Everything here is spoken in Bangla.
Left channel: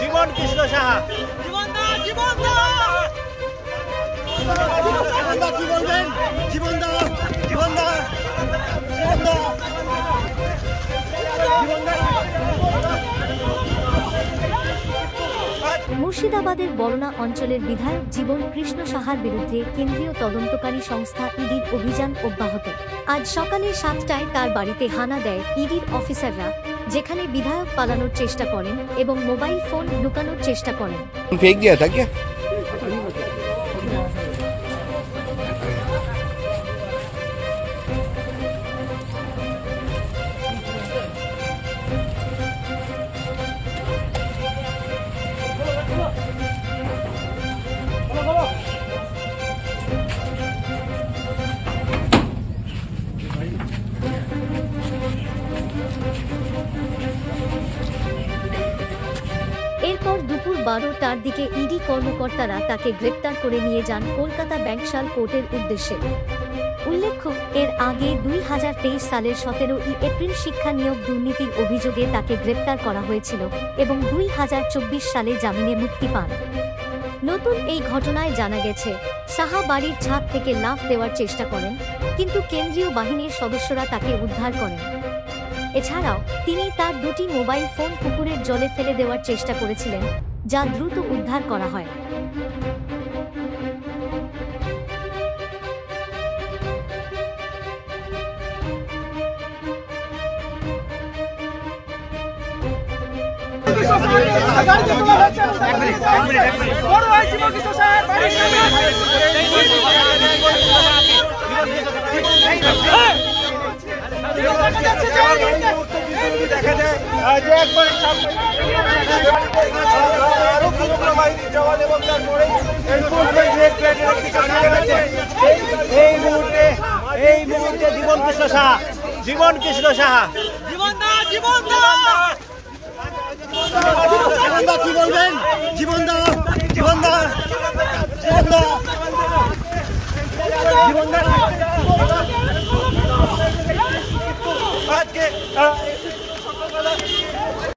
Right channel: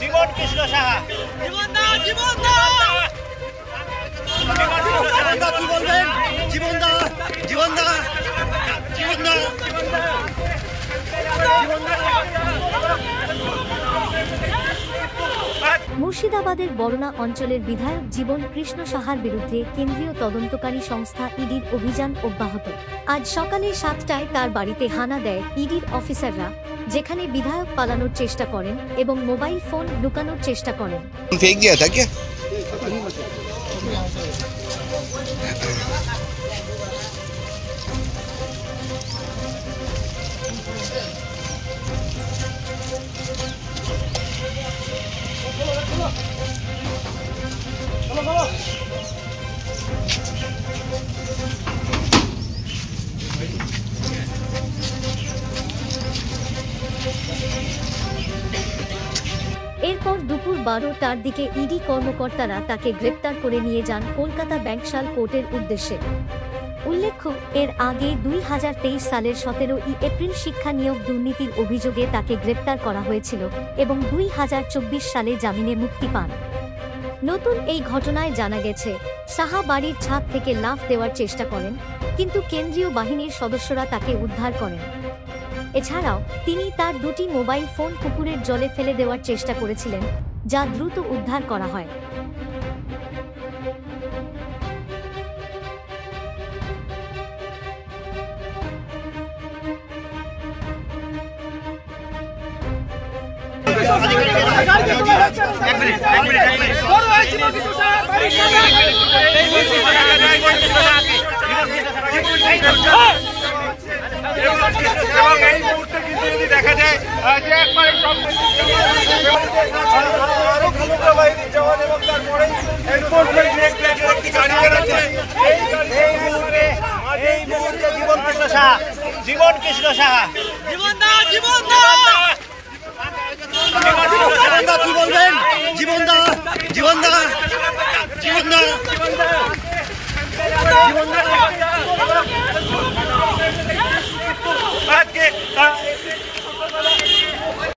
জীবন কৃষ্ণ সাহা মুর্শিদাবাদের বরনা অঞ্চলের বিধায়ক জীবন কৃষ্ণ সাহার বিরুদ্ধে কেন্দ্রীয় তদন্তকারী সংস্থা ইডির অভিযান অব্যাহত। আজ সকালে 7টায় তার বাড়িতে হানা দেয় ইডির অফিসাররা, যেখানে বিধায়ক পালানোর চেষ্টা করেন এবং মোবাইল ফোন লুকানোর চেষ্টা করেন। এরপর দুপুর 12টার দিকে ইডি কর্মকর্তারা তাকে গ্রেপ্তার করে নিয়ে যান কলকাতা ব্যাংকশাল কোর্টের উদ্দেশ্যে। উল্লেখ্য, এর আগে 2023 সালের 17 এপ্রিল শিক্ষা নিয়োগ দুর্নীতির অভিযোগে তাকে গ্রেপ্তার করা হয়েছিল এবং 2024 সালে জামিনে মুক্তি পান। নতুন এই ঘটনায় জানা গেছে, সাহা বাড়ির ছাদ থেকে লাফ দেওয়ার চেষ্টা করেন, কিন্তু কেন্দ্রীয় বাহিনীর সদস্যরা তাকে উদ্ধার করেন। এছাড়াও তিনি তার দুটি মোবাইল ফোন পুকুরের জলে ফেলে দেওয়ার চেষ্টা করেছিলেন, যা দ্রুত উদ্ধার করা হয়। এবং এই মুহূর্তে কিন্তু যদি দেখা যায় যে বাহিনীর জওয়ান এবং তারপরে এই মুহূর্তে জীবন কৃষ্ণ সাহা জীবন কৃষ্ণ সাহা কি বলবেন? জীবনদা জীবনদা জীবনদা জীবনদা আজকে